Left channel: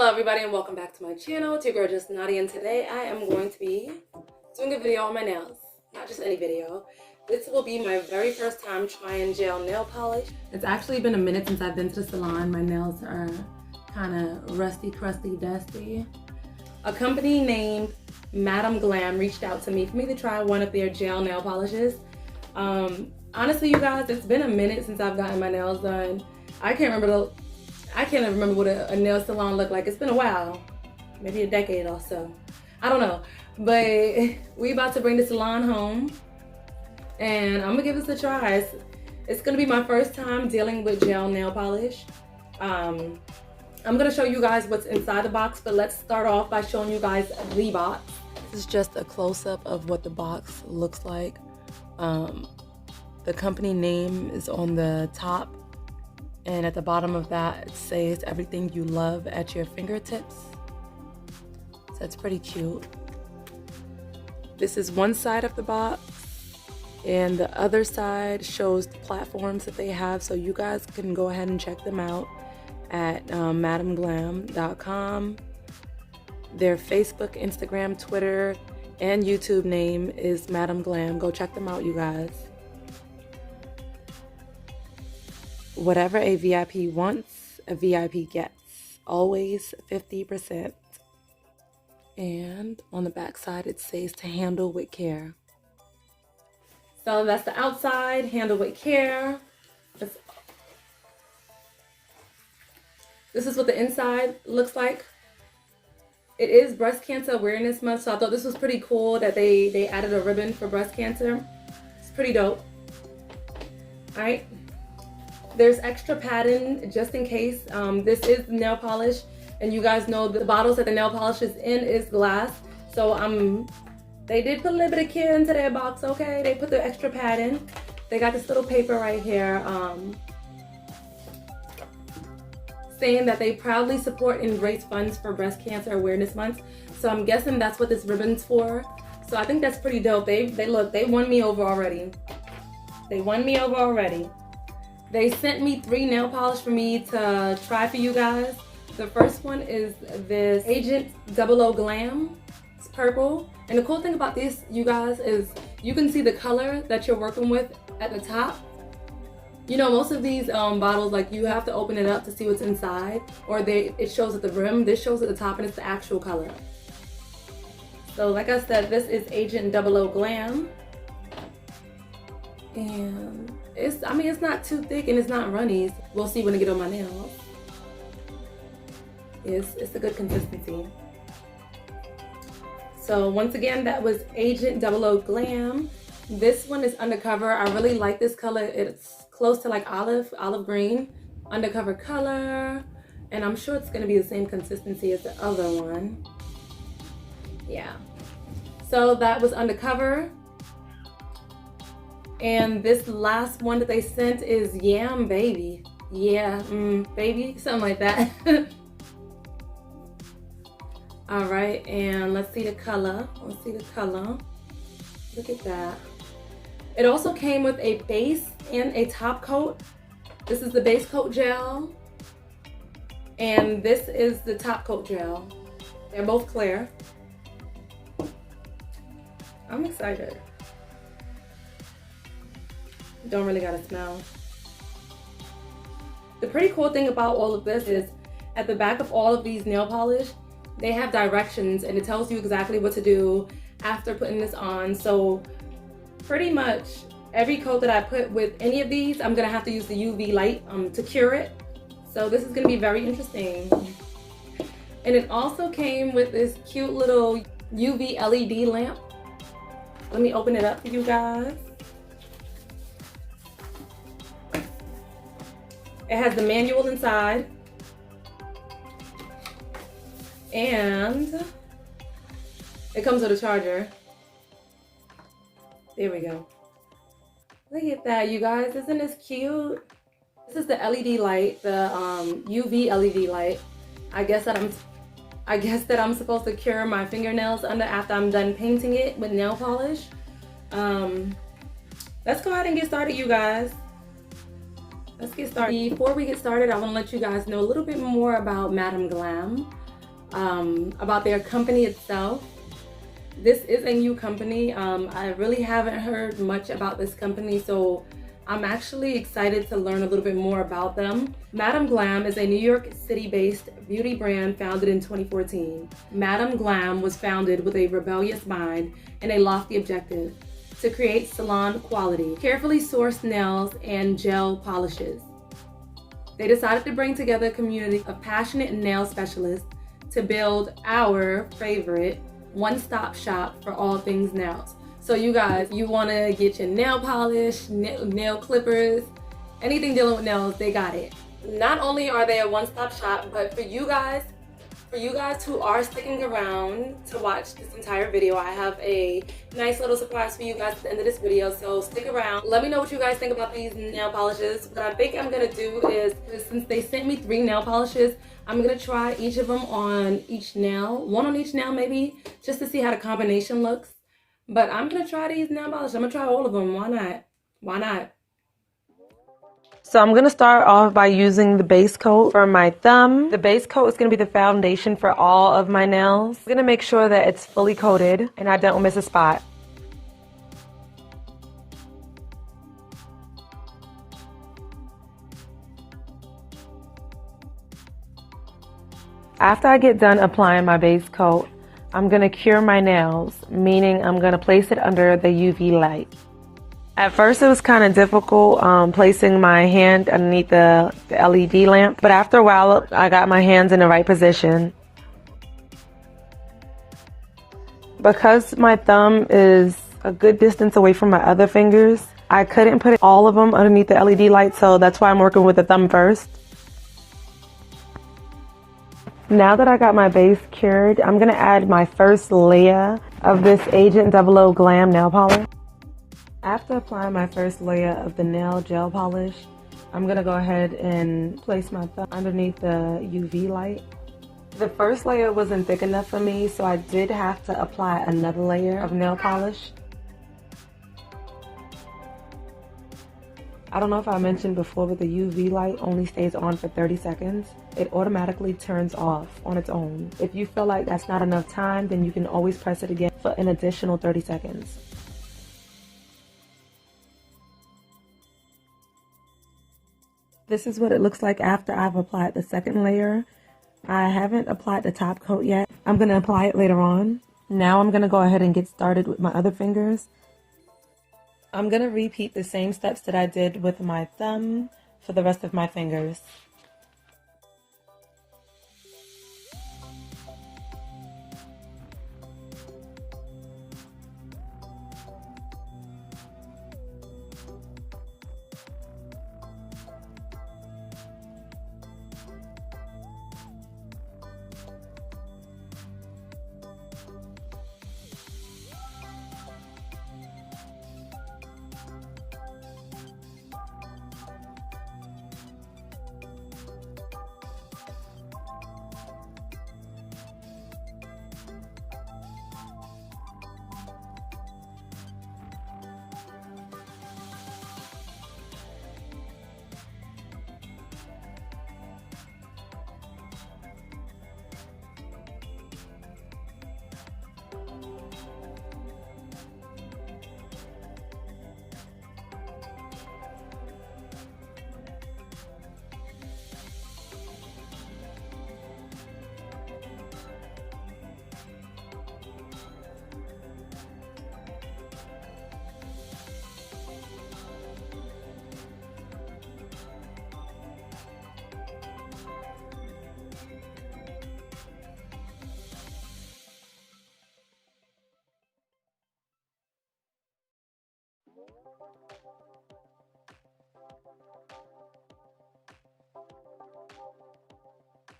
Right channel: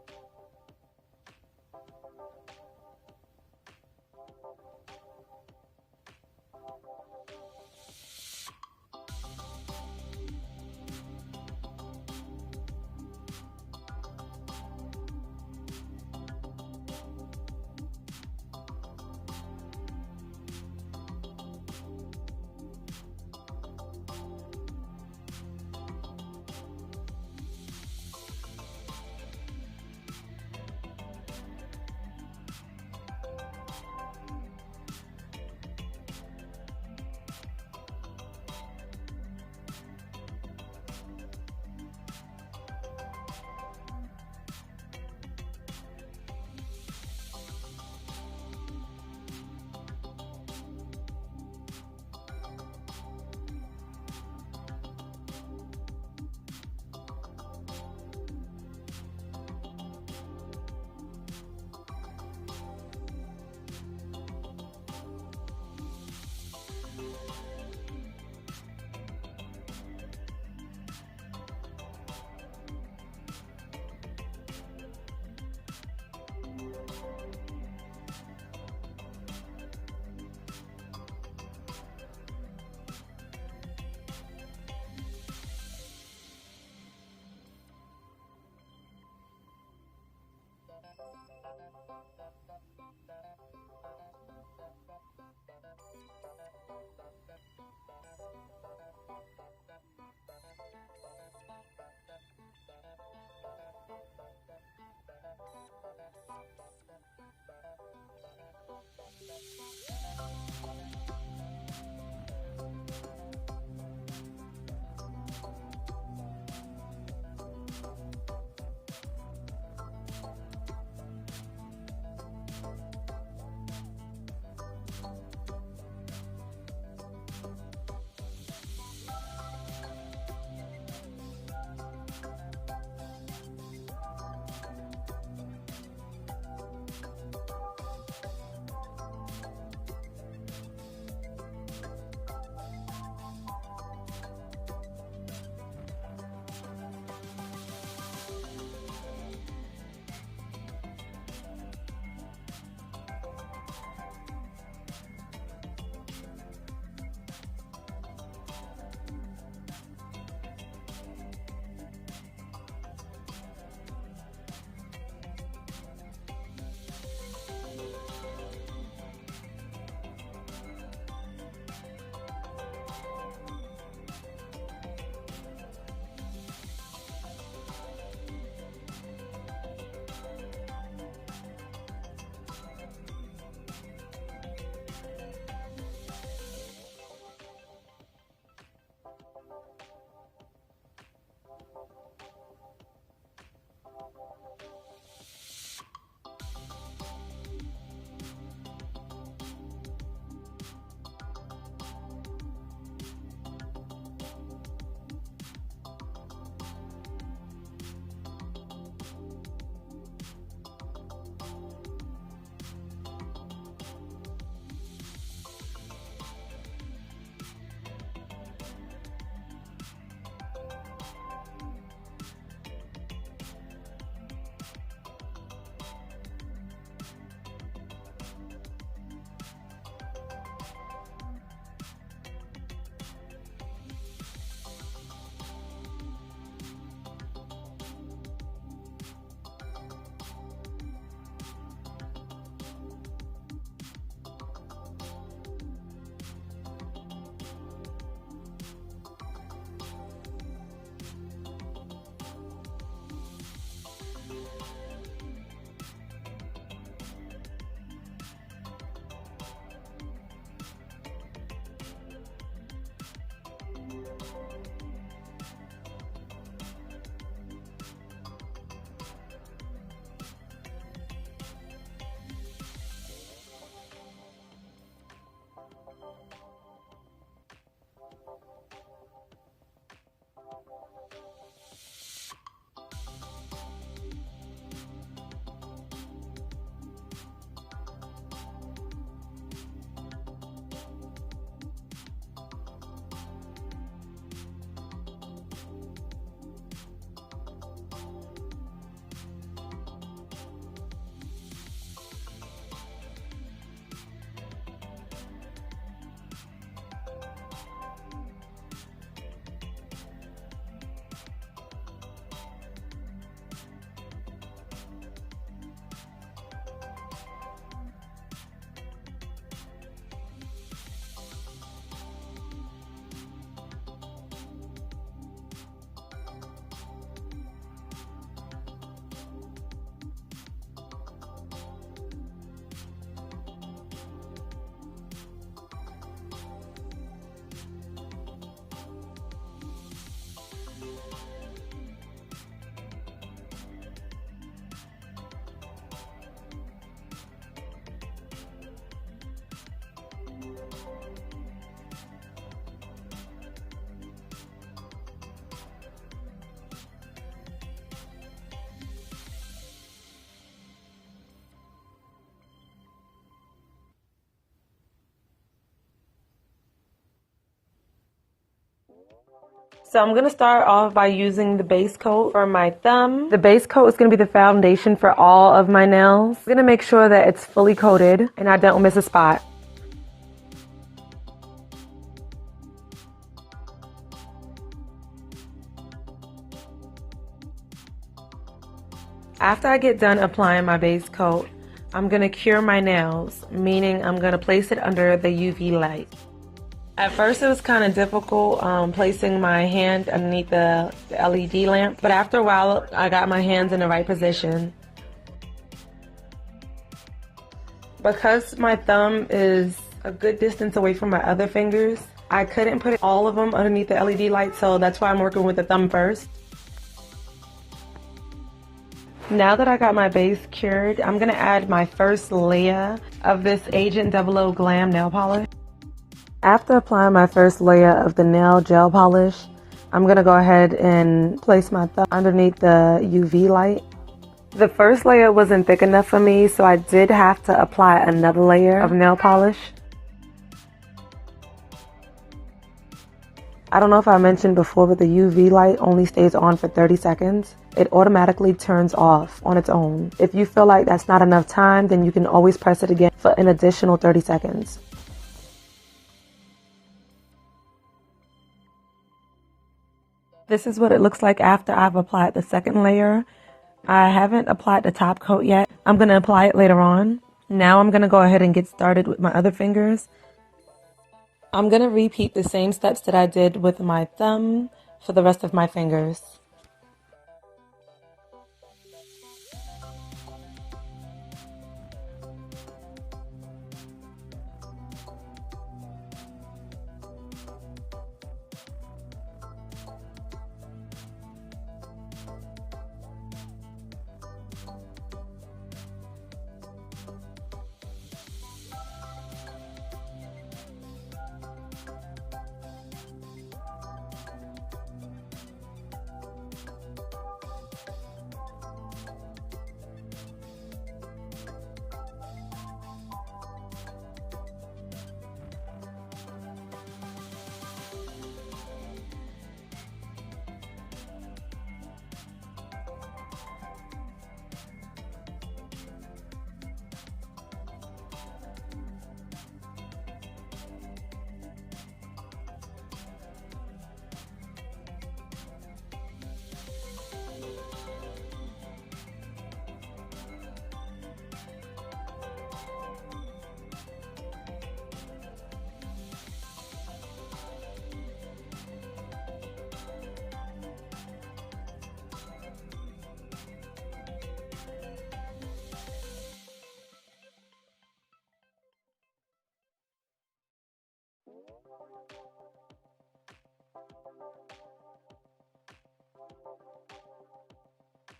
Hello everybody and welcome back to my channel. It's your girl Jessknotty, and today I am going to be doing a video on my nails. Not just any video. This will be my very first time trying gel nail polish. It's actually been a minute since I've been to the salon. My nails are kind of rusty, crusty, dusty. A company named Madam Glam reached out to me for me to try one of their gel nail polishes. Honestly, you guys, it's been a minute since I've gotten my nails done. I can't remember what a nail salon looked like. It's been a while, maybe a decade or so. I don't know, but we about to bring the salon home, and I'm gonna give this a try. It's gonna be my first time dealing with gel nail polish. I'm gonna show you guys what's inside the box, but let's start off by showing you guys the box. This is just a close-up of what the box looks like. The company name is on the top, and at the bottom of that it says everything you love at your fingertips. So that's pretty cute. This is one side of the box, and the other side shows the platforms that they have, so you guys can go ahead and check them out at madamglam.com. Their Facebook, Instagram, Twitter, and YouTube name is Madam Glam. Go check them out, you guys. Whatever a VIP wants, a VIP gets. Always 50%. And on the back side it says to handle with care. So that's the outside, handle with care. This is what the inside looks like. It is Breast Cancer Awareness Month, so I thought this was pretty cool that they added a ribbon for breast cancer. It's pretty dope. Alright. There's extra padding just in case. This is nail polish, and you guys know the bottles that the nail polish is in is glass. So they did put a little bit of care into their box, okay? They put the extra padding. They got this little paper right here saying that they proudly support and raise funds for Breast Cancer Awareness Month. So I'm guessing that's what this ribbon's for. So I think that's pretty dope. They won me over already. They won me over already. They sent me 3 nail polish for me to try for you guys. The first one is this Agent 00 Glam. It's purple. And the cool thing about this, you guys, is you can see the color that you're working with at the top. You know, most of these bottles, like, you have to open it up to see what's inside, or it shows at the rim. This shows at the top, and it's the actual color. So like I said, this is Agent 00 Glam. And it's not too thick and it's not runny. We'll see when I get on my nails. It's a good consistency. So once again, that was Agent 00 Glam. This one is Undercover. I really like this color. It's close to like olive green. Undercover color. And I'm sure it's gonna be the same consistency as the other one. Yeah. So that was Undercover. And this last one that they sent is Yam Baby. Yeah, baby, something like that. All right, and let's see the color. Let's see the color. Look at that. It also came with a base and a top coat. This is the base coat gel, and this is the top coat gel. They're both clear. I'm excited. Don't really gotta smell. The pretty cool thing about all of this is at the back of all of these nail polish, they have directions, and it tells you exactly what to do after putting this on. So pretty much every coat that I put with any of these, I'm gonna have to use the UV light to cure it. So this is gonna be very interesting. And it also came with this cute little UV LED lamp. Let me open it up for you guys. It has the manual inside, and it comes with a charger. There we go. Look at that, you guys. Isn't this cute? This is the LED light, the UV LED light. I guess that I'm supposed to cure my fingernails after I'm done painting it with nail polish. Let's go ahead and get started, you guys. Let's get started. Before we get started, I want to let you guys know a little bit more about Madam Glam. about their company itself. This is a new company. I really haven't heard much about this company, so I'm actually excited to learn a little bit more about them. Madam Glam is a New York City-based beauty brand founded in 2014. Madam Glam was founded with a rebellious mind and a lofty objective: to create salon quality, carefully sourced nails and gel polishes. They decided to bring together a community of passionate nail specialists to build our favorite one-stop shop for all things nails. So you guys, you want to get your nail polish, nail clippers, anything dealing with nails, they got it. Not only are they a one-stop shop, but for you guys who are sticking around to watch this entire video, I have a nice little surprise for you guys at the end of this video, so stick around. Let me know what you guys think about these nail polishes. What I think I'm gonna do is, since they sent me 3 nail polishes, I'm gonna try each of them on each nail, one on each nail maybe, just to see how the combination looks. But I'm gonna try these nail polishes. I'm gonna try all of them. Why not? Why not? So I'm gonna start off by using the base coat for my thumb. The base coat is gonna be the foundation for all of my nails. I'm gonna make sure that it's fully coated and I don't miss a spot. After I get done applying my base coat, I'm gonna cure my nails, meaning I'm gonna place it under the UV light. At first it was kind of difficult placing my hand underneath the LED lamp, but after a while I got my hands in the right position. Because my thumb is a good distance away from my other fingers, I couldn't put all of them underneath the LED light, so that's why I'm working with the thumb first. Now that I got my base cured, I'm going to add my first layer of this Agent 00 Glam nail polish. After applying my first layer of the nail gel polish, I'm going to go ahead and place my thumb underneath the UV light. The first layer wasn't thick enough for me, so I did have to apply another layer of nail polish. I don't know if I mentioned before, but the UV light only stays on for 30 seconds. It automatically turns off on its own. If you feel like that's not enough time, then you can always press it again for an additional 30 seconds. This is what it looks like after I've applied the second layer. I haven't applied the top coat yet. I'm going to apply it later on. Now I'm going to go ahead and get started with my other fingers. I'm going to repeat the same steps that I did with my thumb for the rest of my fingers.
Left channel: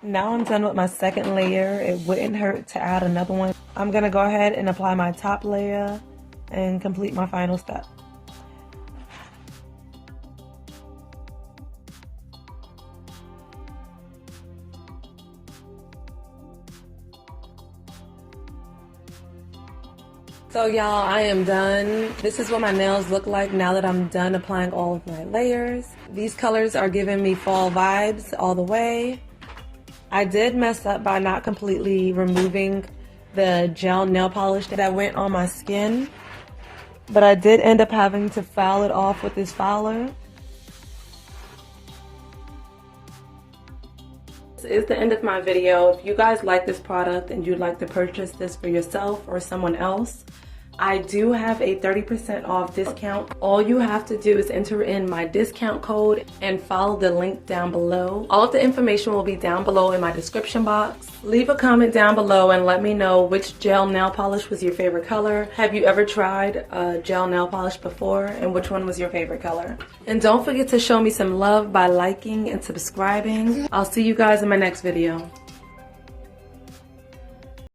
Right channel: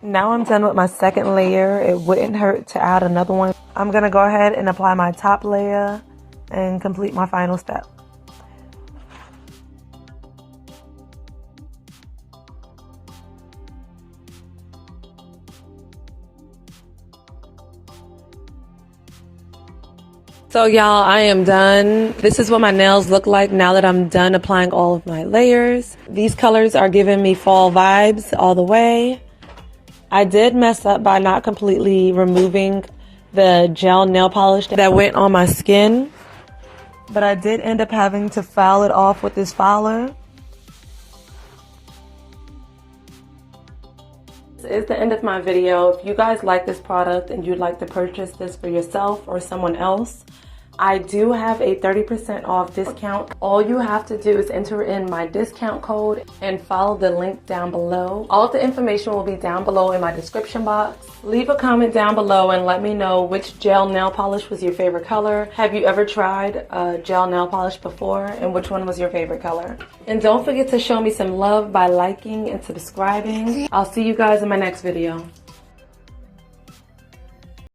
Now I'm done with my second layer. It wouldn't hurt to add another one. I'm going to go ahead and apply my top layer and complete my final step. So y'all, I am done. This is what my nails look like now that I'm done applying all of my layers. These colors are giving me fall vibes all the way. I did mess up by not completely removing the gel nail polish that went on my skin, but I did end up having to file it off with this filer. This is the end of my video. If you guys like this product and you'd like to purchase this for yourself or someone else, I do have a 30% off discount. All you have to do is enter in my discount code and follow the link down below. All of the information will be down below in my description box. Leave a comment down below and let me know which gel nail polish was your favorite color. Have you ever tried a gel nail polish before, and which one was your favorite color? And don't forget to show me some love by liking and subscribing. I'll see you guys in my next video.